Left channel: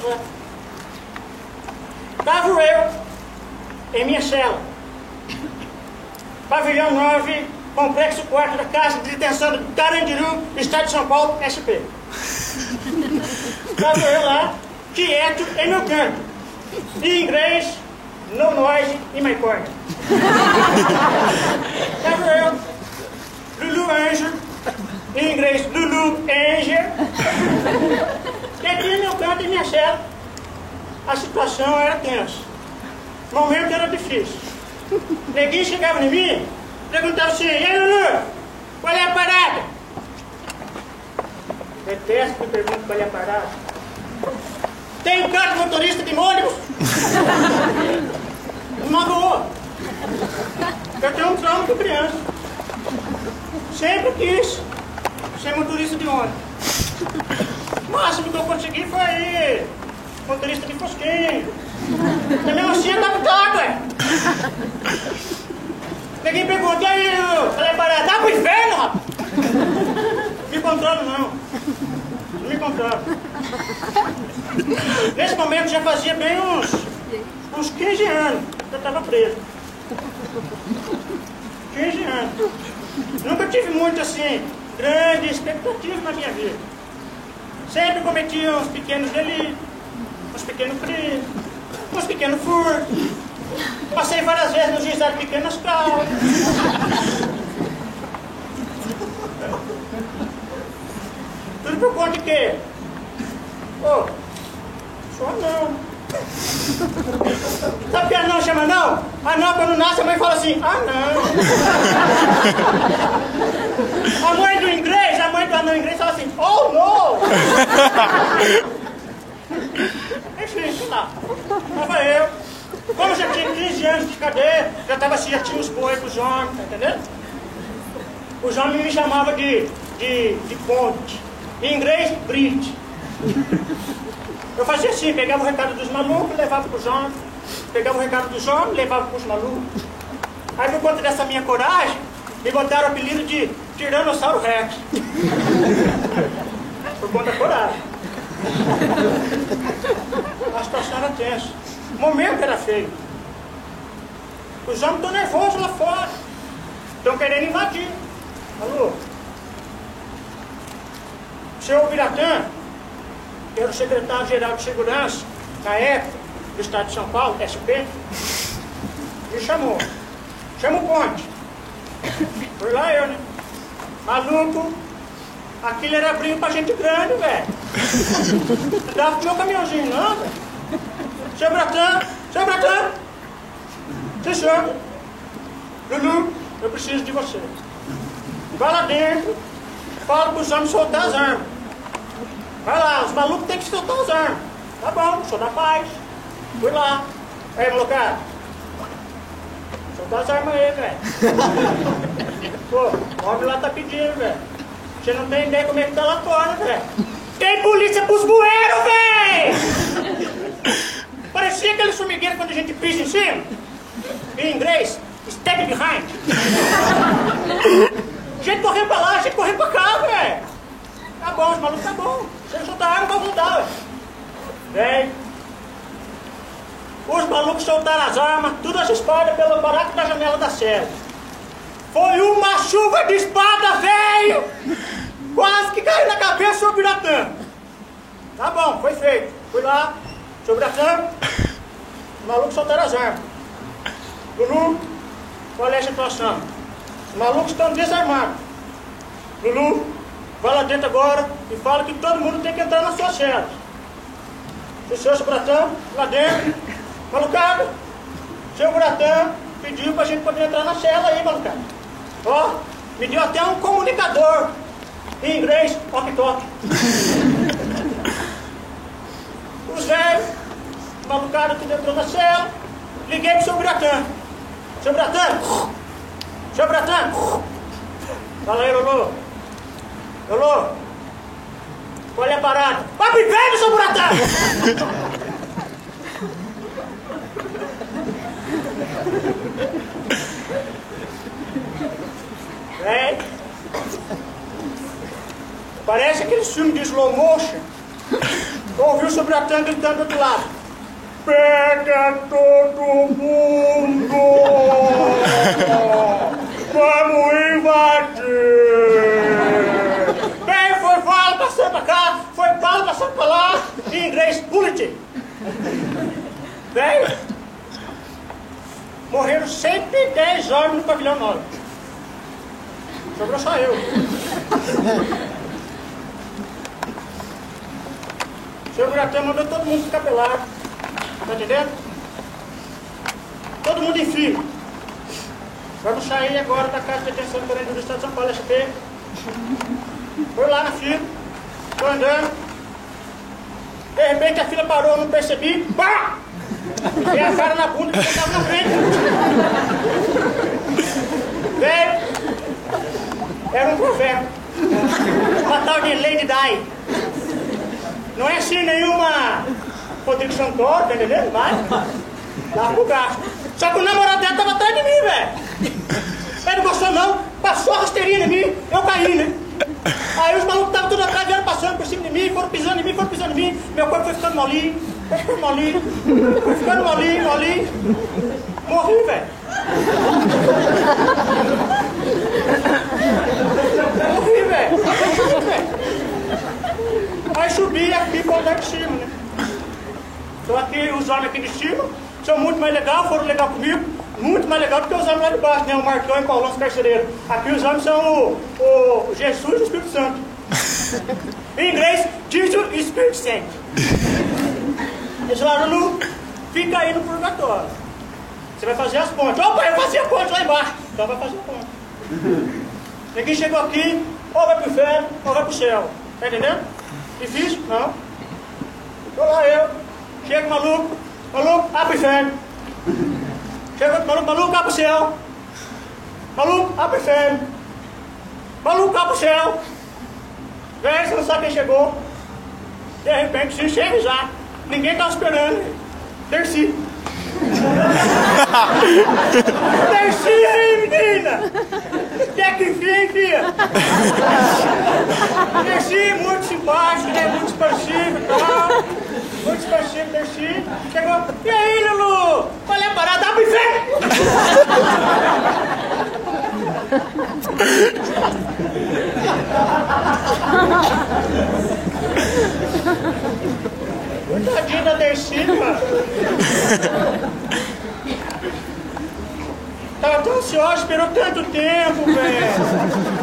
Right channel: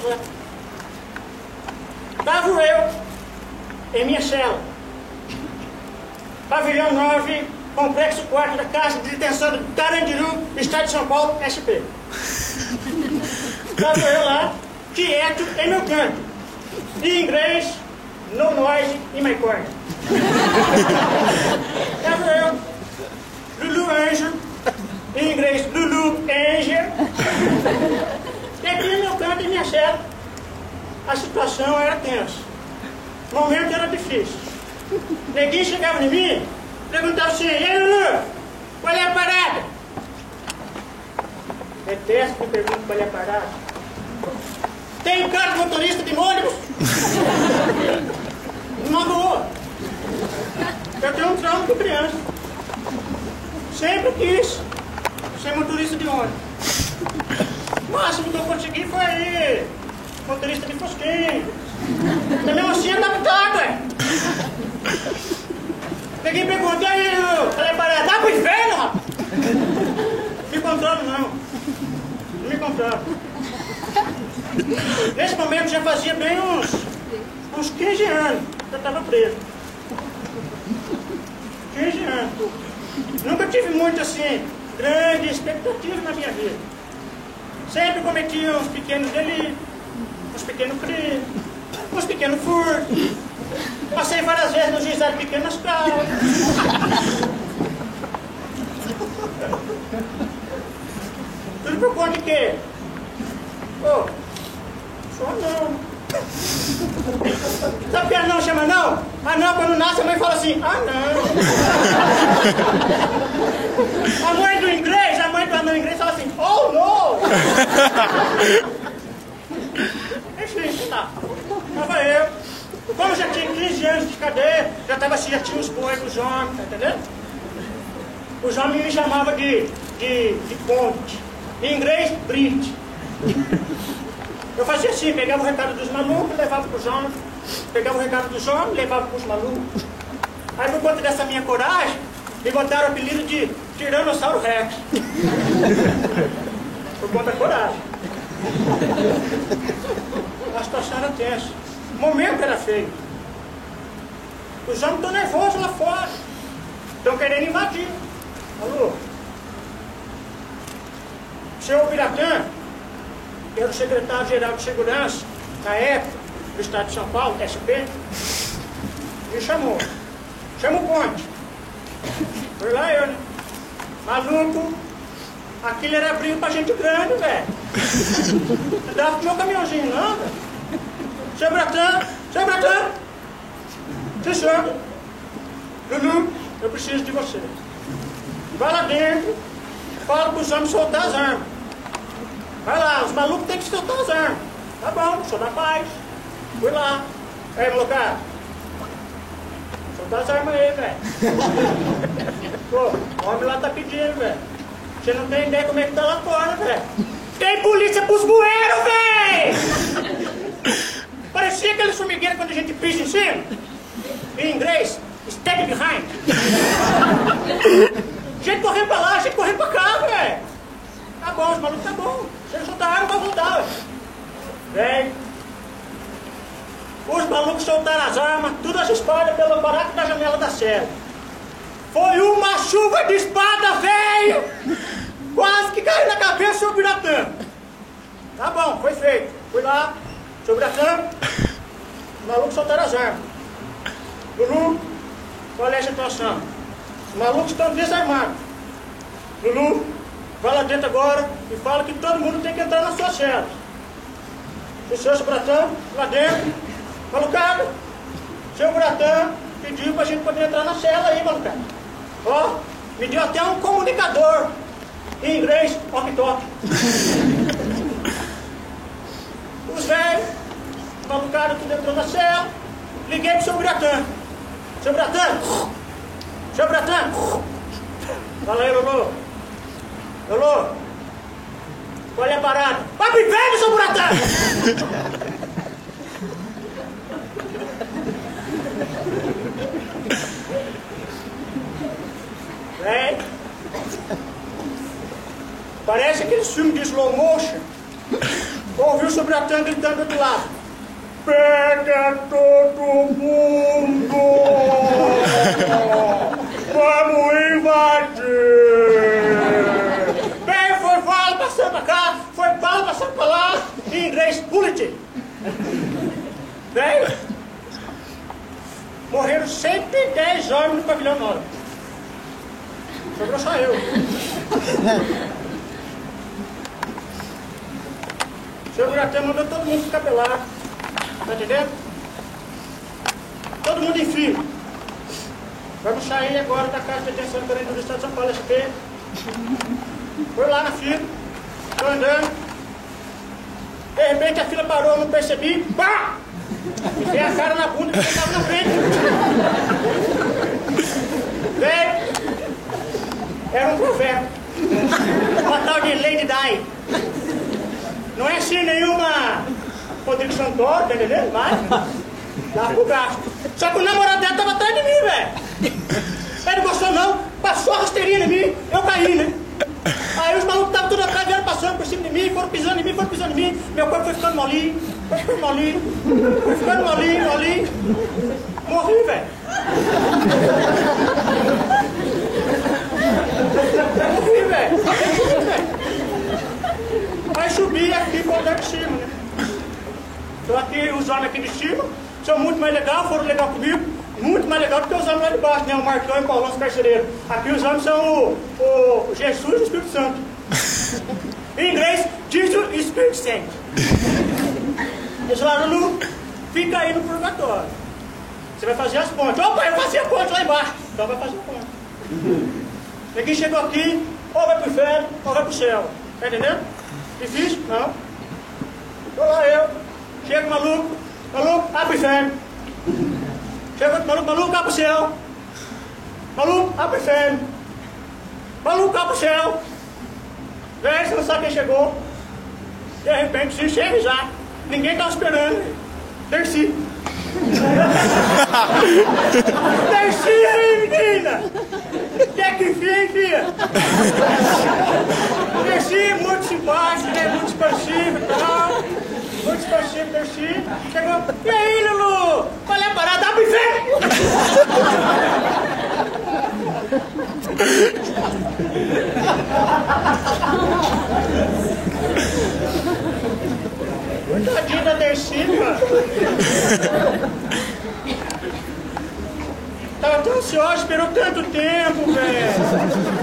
Pois é. Estava eu em minha cela. Pavilhão 9, complexo 4 da Casa de Detenção do Carandiru, Estado de São Paulo, SP. Estava eu lá, quieto, em meu canto. Em inglês, no noise in my corner. Estava eu, Lulu Anjo, em inglês, Lulu Angel. E aqui no meu canto, em minha cela, a situação era tensa. O momento era difícil. Neguinho chegava em mim, perguntava assim: e aí, Lulu, qual é a parada? Detesto que pergunte qual é a parada. Tem carro de motorista de ônibus? Uma boa. Eu tenho um trauma com criança. Sempre quis ser motorista de ônibus. O máximo que eu consegui foi motorista de fosquinho. Mas mesmo assim andava de água. Peguei e perguntei: e aí, qual é a parada? Dá pro inferno, rapaz? Não me controlo, não. Não me controlo. Nesse momento já fazia bem uns 15 anos que eu estava preso. 15 anos. Nunca tive muito assim, grande expectativa na minha vida. Sempre cometia uns pequenos delitos, uns pequenos crimes, uns pequenos furtos. Passei várias vezes no juizado de pequenas causas. Tudo por conta de quê? Ô, sou anão. Sabe que anão chama anão? Anão, quando nasce, a mãe fala assim: anão. A mãe do inglês, a mãe do anão inglês fala assim: oh, no. Enfim, sei lá. Tava eu. Como já tinha 15 anos de cadeia, já tinha uns boi pros homens, tá entendendo? Os homens me chamavam de ponte. Em inglês, Brit. Eu fazia assim, pegava o recado dos malucos, levava pros homens. Pegava o recado dos homens, levava pros malucos. Aí por conta dessa minha coragem, me botaram o apelido de Tiranossauro Rex. Por conta da coragem. A situação era tensa. O momento era feio. Os homens estão nervosos lá fora. Estão querendo invadir. Alô? O senhor Biratã, que era o secretário-geral de segurança, na época, do Estado de São Paulo, SP, me chamou. Chama o Ponte. Foi lá eu, né? Maluco, aquilo era brinco pra gente grande, velho. Não dava pro meu caminhãozinho, não, velho. Seu Biratã, sim, senhor. Lulu, eu preciso de você. Vai lá dentro, fala pros homens soltar as armas. Vai lá, os malucos têm que soltar as armas. Tá bom, sou da paz. Fui lá. Aí, molecada, soltar as armas aí, velho. Pô, o homem lá tá pedindo, velho. Você não tem ideia como é que tá lá fora, velho. Tem polícia pros bueiros, velho! Parecia aquele formigueiro quando a gente pisa em cima. Em inglês, step behind. Gente correndo pra lá, gente correndo pra cá, velho. Tá bom, os malucos tá bom. Se eles soltar arma, vai voltar, velho. Velho. Os malucos soltaram as armas, tudo as espadas pelo buraco da janela da cela. Foi uma chuva de espada, velho! Quase que caiu na cabeça do Biratã. Tá bom, foi feito. Fui lá, seu Biratã, os malucos soltaram as armas. Lulu, qual é a situação? Os malucos estão desarmados. Lulu, vai lá dentro agora e fala que todo mundo tem que entrar na sua cela. O senhor Biratã, lá dentro, malucada, seu Biratã pediu pra gente poder entrar na cela aí, malucada. Ó, me deu até um comunicador, em inglês, walkie-talkie. Os velhos, malucada, tudo entrou na cela, liguei pro seu Biratã. Seu Biratã, fala aí, Lulu. Lulu, qual é a parada? Vai pro inferno, seu Biratã! Velho, parece aquele filme de slow motion. Ouviu Sobratão gritando do outro lado. Pega todo mundo! Vamos invadir! Bem, foi bala passando pra cá, foi bala passando pra lá, em inglês, bullet. Bem, morreram 110 homens no pavilhão 9. Sobrou só eu. O senhor Buratã mandou todo mundo ficar pelado. Tá entendendo? Todo mundo em fila. Vamos sair agora da casa de detenção do Estado de São Paulo, SP. Foi lá na fila. Tô andando. De repente a fila parou, eu não percebi. Pá! Enfiei a cara na bunda que estava na frente. Veio. Era um provérbio. Uma tal de Lady Di. Não é assim nenhuma Rodrigo Santoro, tá entendendo? Vai. Dá pro gasto. Só que o namorado dela tava atrás de mim, velho. Ele não gostou não. Passou a rasteirinha em mim. Eu caí, né? Aí os malucos estavam tudo atrás, vieram passando por cima de mim, foram pisando em mim, foram pisando em mim. Meu corpo foi ficando molinho. Foi ficando molinho. Foi ficando molinho, molinho. Morri, velho. Morri, velho. Aí subi aqui para o andar de cima, né? Então aqui, os homens aqui de cima são muito mais legais, foram legal comigo, muito mais legal do que os homens lá de baixo, né? O Marcão e o Paulão, os carcereiros. Aqui os homens são o Jesus e o Espírito Santo. Em inglês, Jesus e Espírito Santo. Eles falaram, Lulu, fica aí no purgatório. Você vai fazer as pontes. Opa, eu fazia a ponte lá embaixo. Então vai fazer a ponte. Ninguém chegou aqui, ou vai pro inferno, ou vai pro céu. Tá entendendo? Difícil? Não. Tô lá eu. Chega o maluco, abre o inferno. Chega outro maluco, abre o céu. Maluco, abre o inferno. Maluco, abre o céu. Vem, você não sabe quem chegou. De repente, se chega já. Ninguém tava esperando. Desci. Desci aí, menina. Quer que enfia? Desci, muito simpático, né? Muito expansivo e tal. Muito expansivo, desci. Chegou. E aí, Lulu? Qual é a parada? Abre o inferno! Tadinha da Dercy, mano. Tava tão ansiosa, esperou tanto tempo, velho.